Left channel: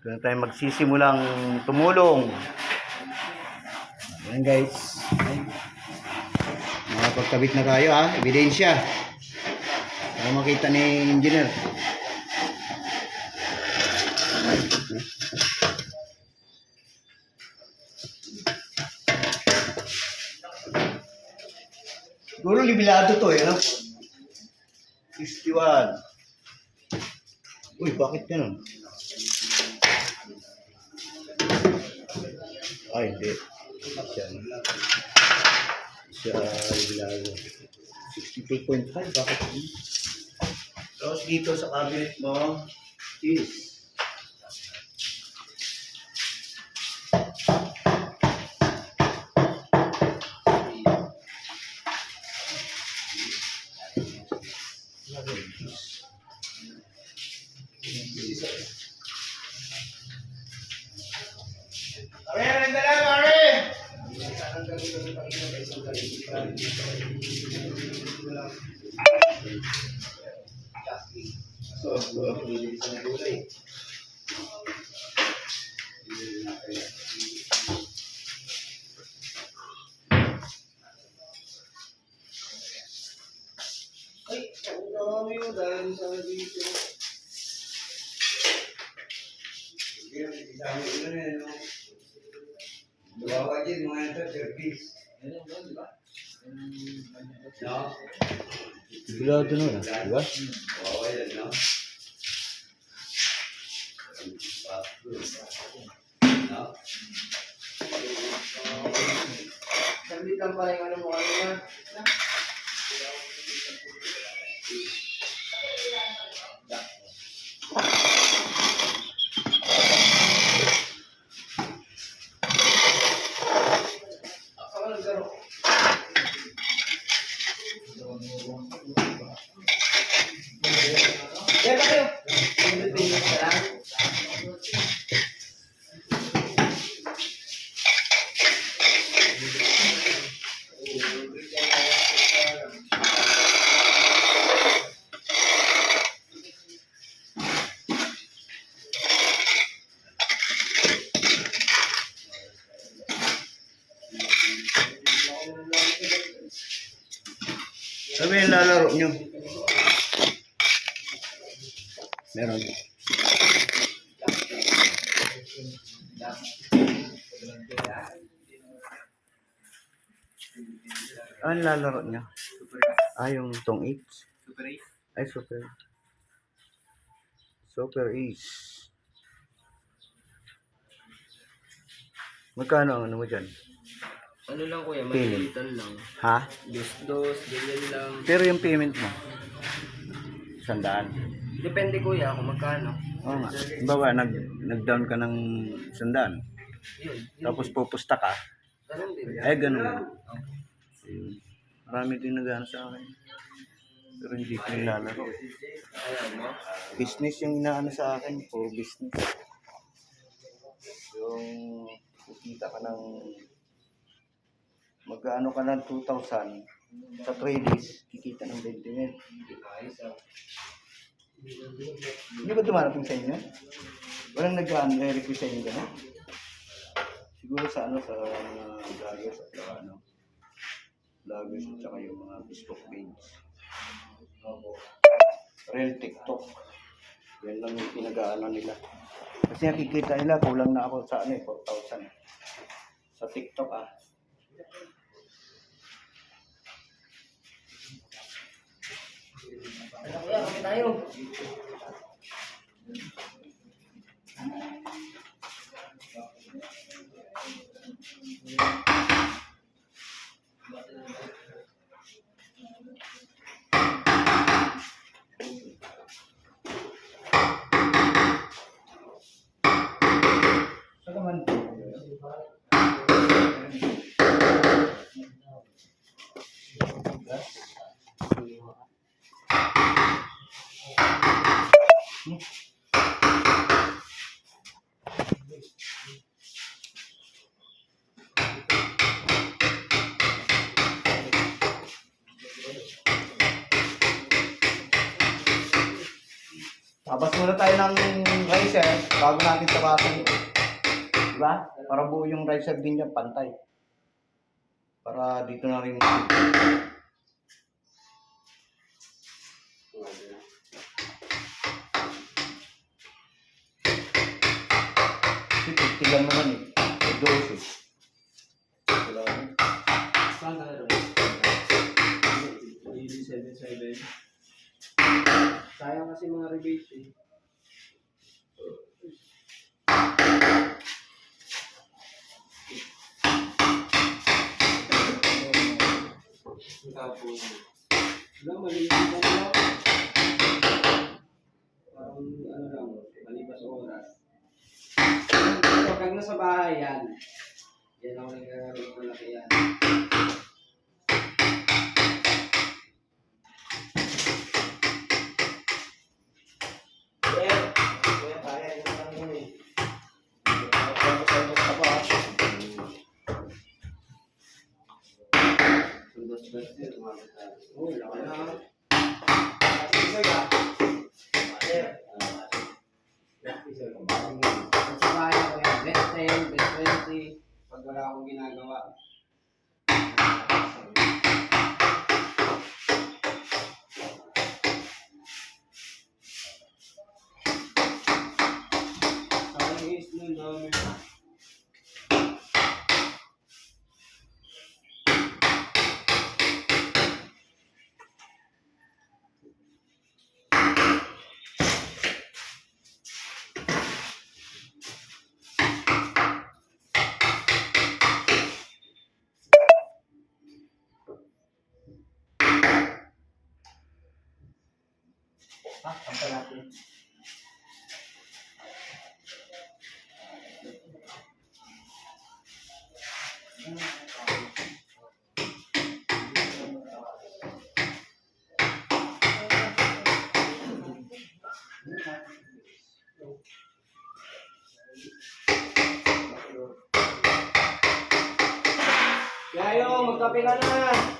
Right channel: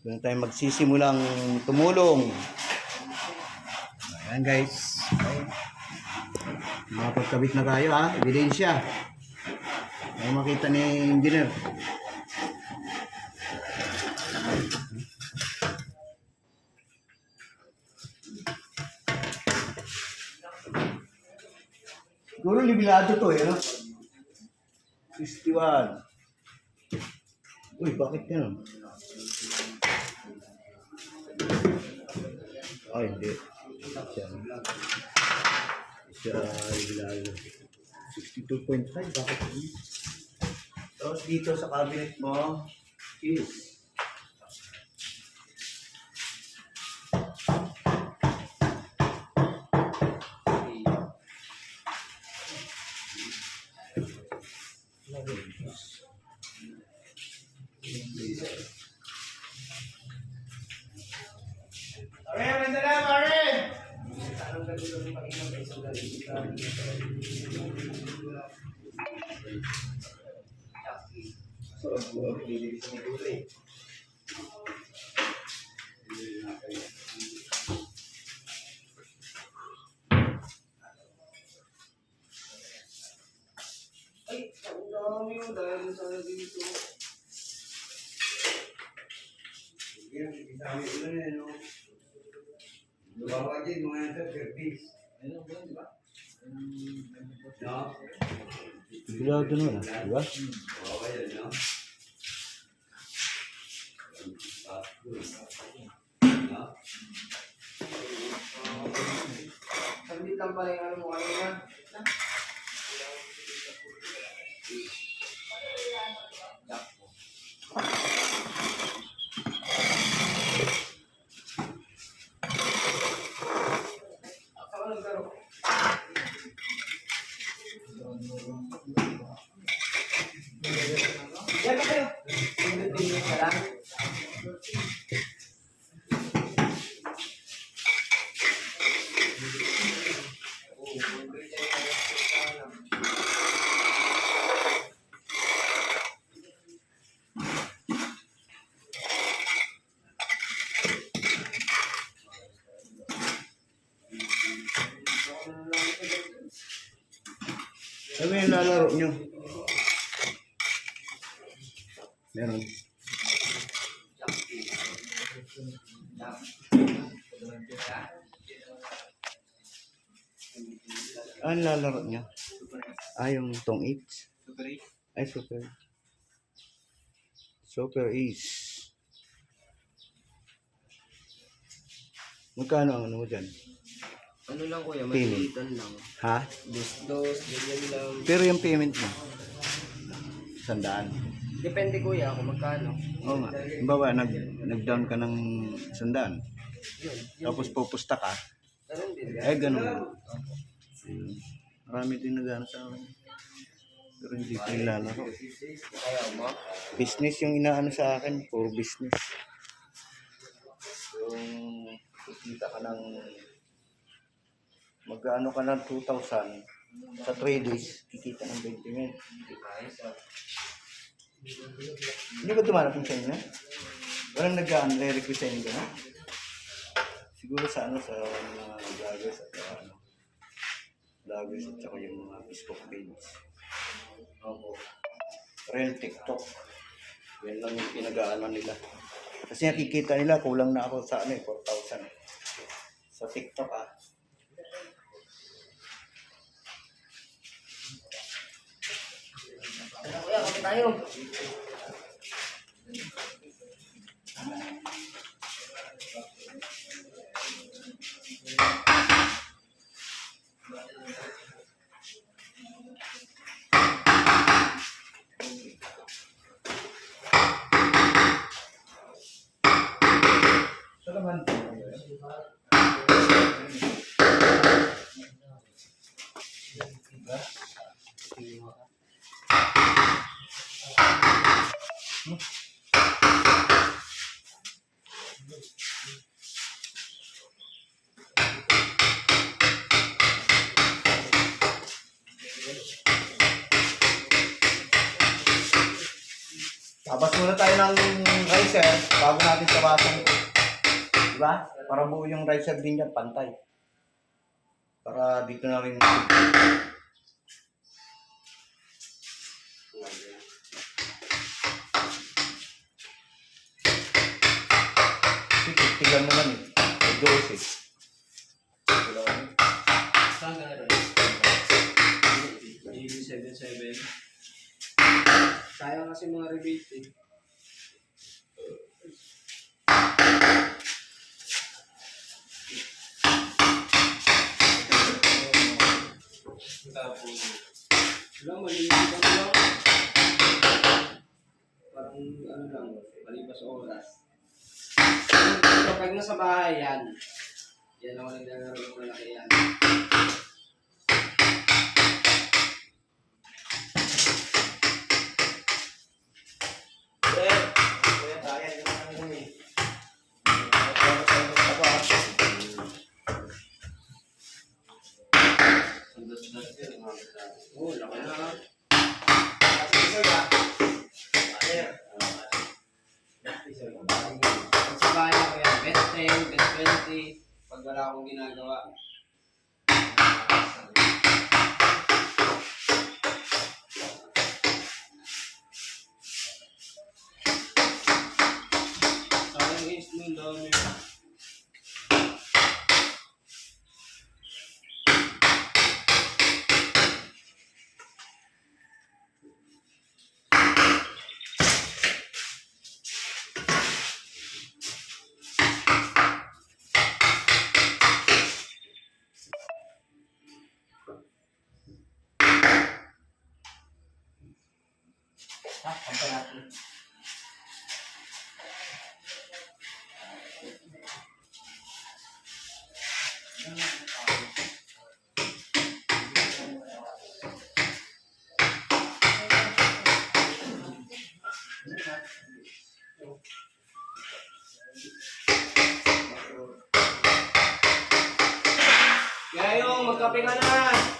Doon tayo magsisimulang tumulong. Ayan guys. Nakapagkabit na tayo ha. Ebidensya. Para makita ni engineer. Siguro libilado to eh, no? 61. Uy, bakit ganun? Ay, hindi. Siya. Siya, libilado. 62.5, bakit? Tapos dito sa cabinet mo is Ay, mo dahil sa dito. Dami ko na yan, no? Bawa din mga ito, service. Ano ba, di ba? No? libilado na yun, di ba? Bawa yan, no? No? Sandit lang pala yung ano mo, ano na? Sabi yung lalaro nyo. Meron. Ano lalaro nyo? Ah, yung tong 8. Ay, super. Super Ace. Magkano ang ano mo dyan? Ano lang kuya, Payment. malitan lang. Ha? Dos-dos, ganyan lang. Pero yung payment mo? Sandaan. Depende kuya kung magkano. Oo nga. Bawa, nag, nag-down ka ng sandaan. Yun. Tapos pupusta ka. Ganun din. Eh, ganun. Ayun. Marami din nag sa akin. Pero hindi ko nilalaro. Ayaw mo? Business yung inaano sa akin. Puro business. Yung kikita ka ng magkaano ka ng 2,000 sa 3 days, kikita ng 20 mil. Hindi ba dumarating sa inyo? Walang nag-request sa inyo gano'n? Siguro sa ano, sa mga vloggers at saka ano, vloggers at saka yung mga Facebook page. Real TikTok. Yan lang yung pinag-aalan nila. Kasi nakikita nila, kulang na ako sa ano eh, 4,000. Sa TikTok ah. Ano kuya, kapit tayo. Tabas muna tayo ng ricer bago natin tabasan ito. Diba? Para buo yung ricer din niya, pantay. Para dito na rin. Kasi titigan mo lang eh. O dose eh. Kasi mga rebate eh. Tapos, malilitan lang. Parang ano lang, malipas oras. Pero pag nasa bahay yan, yan ako naglalaro ng malaki yan. Yayo, magkape ka na!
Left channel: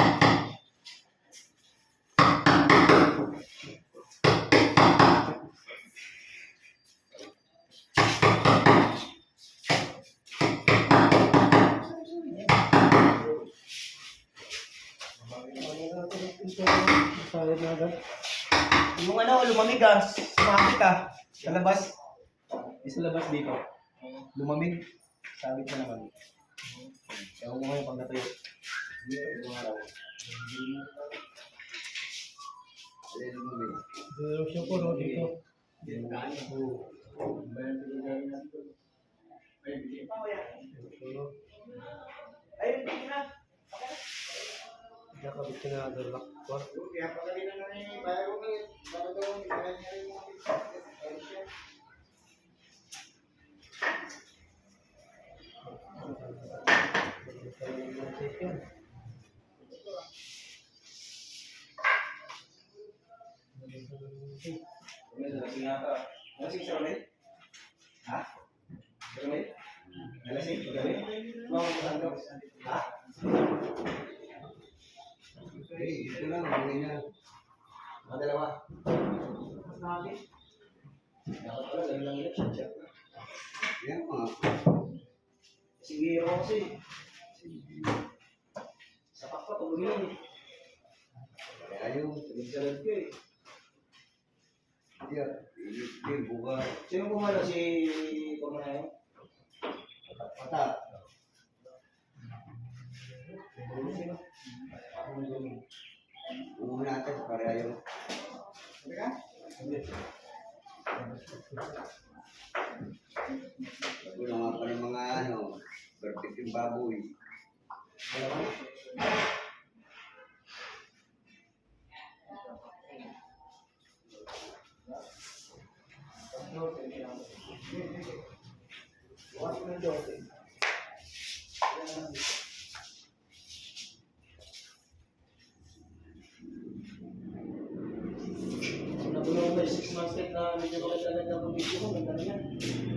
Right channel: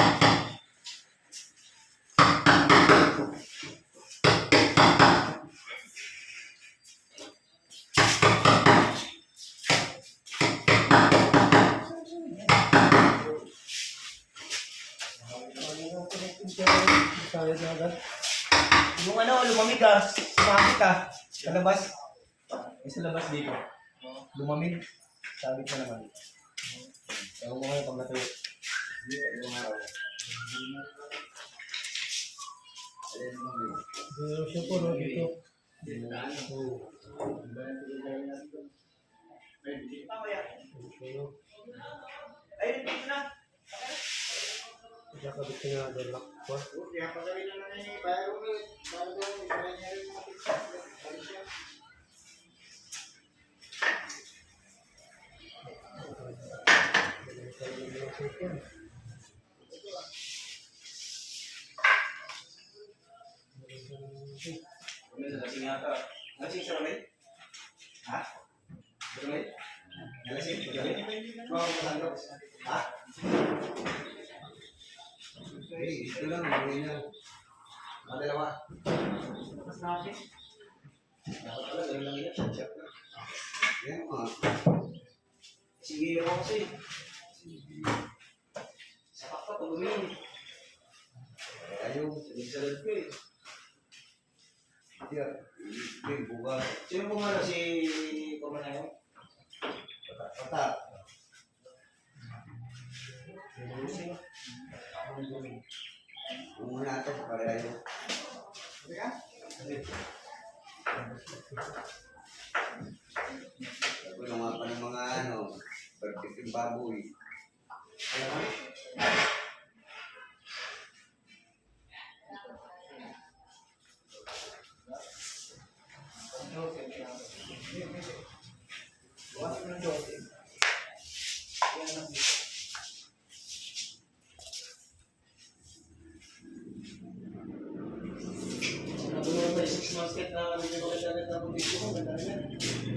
bangis. Yung ano, lumamig ah. Sumamit ka. Sa labas. Sa labas dito. Lumamig. Sabi ko naman. Ewan ko ngayon pag natuyo. Siya po, no, dito. Ayun, dito na. Kaya pagaling na lang eh, bago na eh. Bago, ibigay niya rin yung May nalasing yata. Nalasing sa kamay? Ha? Sa kamay? Nalasing? Mga kasano? Ha? Eh, ito lang. Mga na. Mga dalawa. Dapat pala, dalawa lang yun. Check na. Yan mga. Sige ako kasi. Sapak ka pag uminom. Ayaw, salig-salig ka eh. Yan, hindi, buka. Sino pumalo si Pamanayo? Pata. Pata. Kung natin, pareho. Gulo nga pa ng mga ano, perfect yung baboy. Nagulong 6 months kahit na ko kahit agad na video mo, ganda rin yan.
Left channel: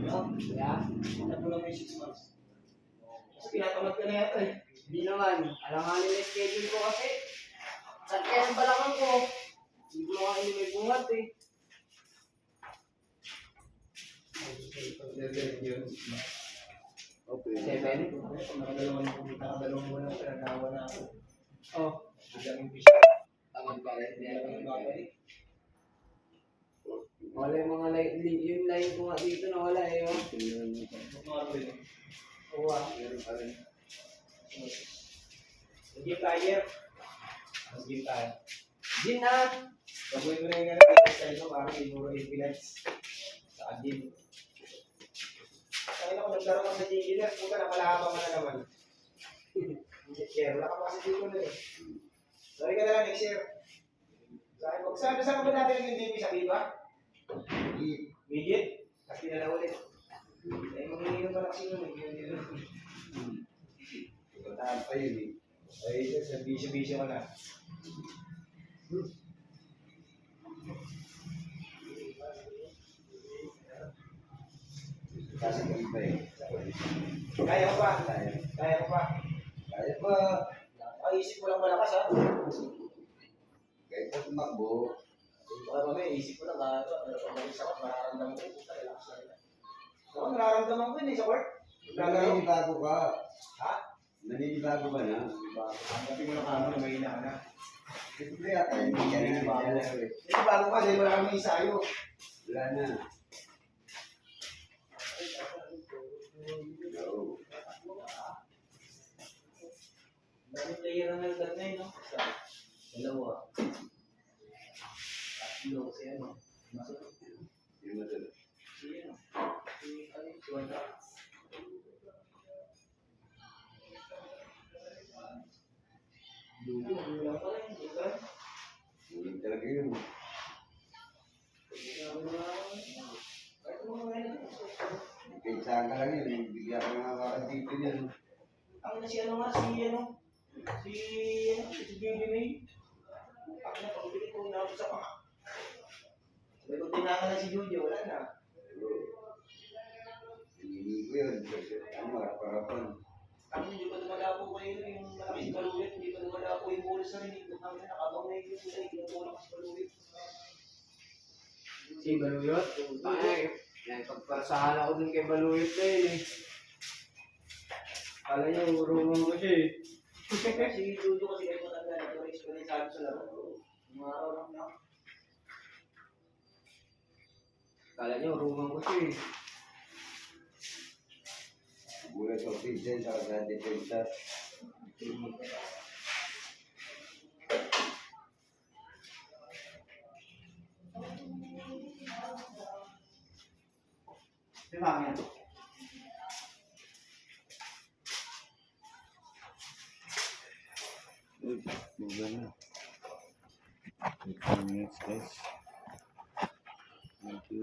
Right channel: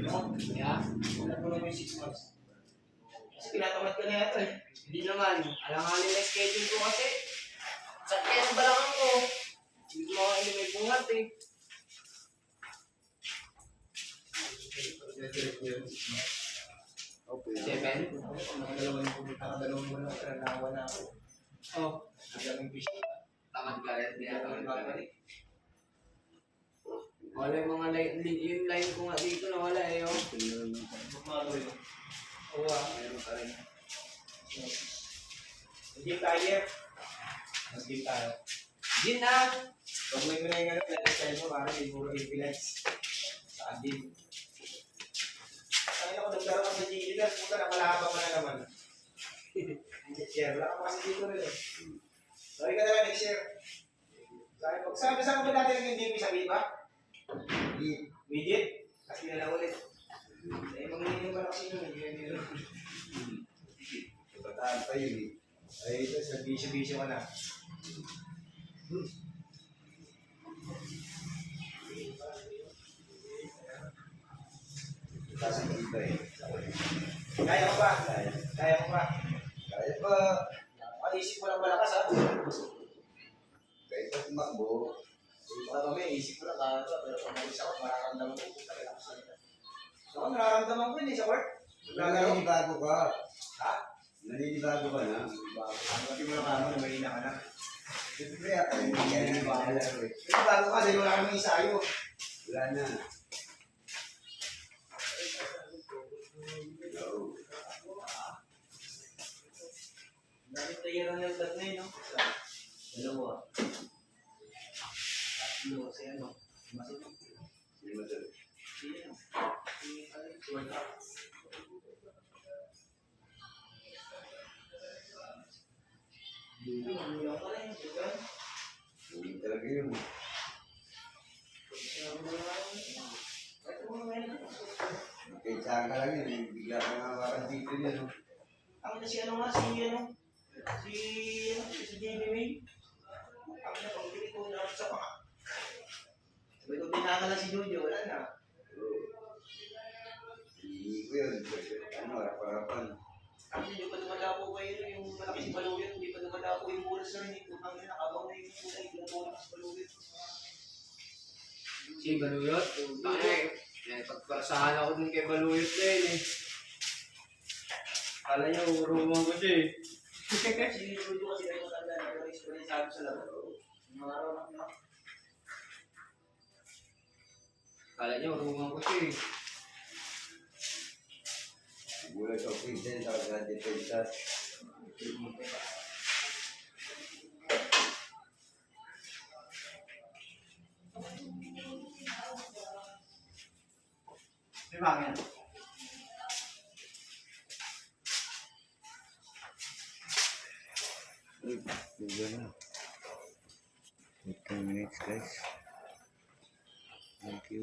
No? Yeah. Nagulong may 6 months. Kasi pinatamad ka na yata eh. Hindi naman. Alanganin na schedule ko kasi. Sa kaya ng balakang ko. Hindi ko mga may bungat eh. Okay. Seven? Nakadalawang nakadalawang buwan na naawa na ako. Oh. Biglang yung fish. Tamad ka rin. Hindi ako Babalik. Wala yung mga line, li- yung line ko nga dito na wala eh. Oh. Magmaro rin. Oo ah, meron pa rin. Mag-game tayo. Mag-game tayo. Gin na! Pag-uwi ko na yung ano, style mo, parang siguro 8 minutes. Sa game. Kaya ako nagdaro sa GD na, puta nakalabang mo na naman. Share, wala ka pa kasi dito na eh. Sorry ka na lang next year. Sabi sabi sa ba natin yung MVP sa Viva? Midget? Kasi na lang ulit. Eh, mamili pa na kasi nun. eh, yun, yun. Bataan pa yun eh. Ay, ito, sa bisyo-bisyo ka na. Kasi iba eh. Kaya mo ba? Kaya. Kaya mo ba? Kaya pa. Paisip mo lang malakas ha. Kahit pa tumakbo. Baka mamaya isip ko lang kaya ba, pero pag umalis ako, mararamdaman ko, puta, relax na nila. Ako, nararamdaman ko yun eh, sa work. Naglalaro. Naninibago ka. Ha? Naninibago ka na. Ang gabi mo na kamo na mahina ka na. Siyempre, ako ka naninibago eh. Pero bago ka, dahil wala kami isayo. Wala na. Yun. Ang na si ano nga, si ano? Si ano? Si Jamie May. Ang na, pagpili ko na sa panga. Sabi ko, tinaka na si Jojo, wala na. Hindi ko yun. Ano, harapan-harapan. Ang hindi pa dumalapo pa yun, yung malaking baluyot, hindi pa dumalapo yung mula sa rinig. Ang na, nakabang na yung kulay, pinatulak sa baluyot. Si Baluyot. Ay, yan, pagparasahan ako dun kay Baluyot na yun eh. Kala niya, urungan ko siya eh. si Jojo kasi kayo matanda, nag-race pa rin sabi sa laban. Mga araw lang na. Kala niya, urungan ko siya eh. Mula sa official, sa depensa. May mangin. Uy, 10 minutes guys. Thank you.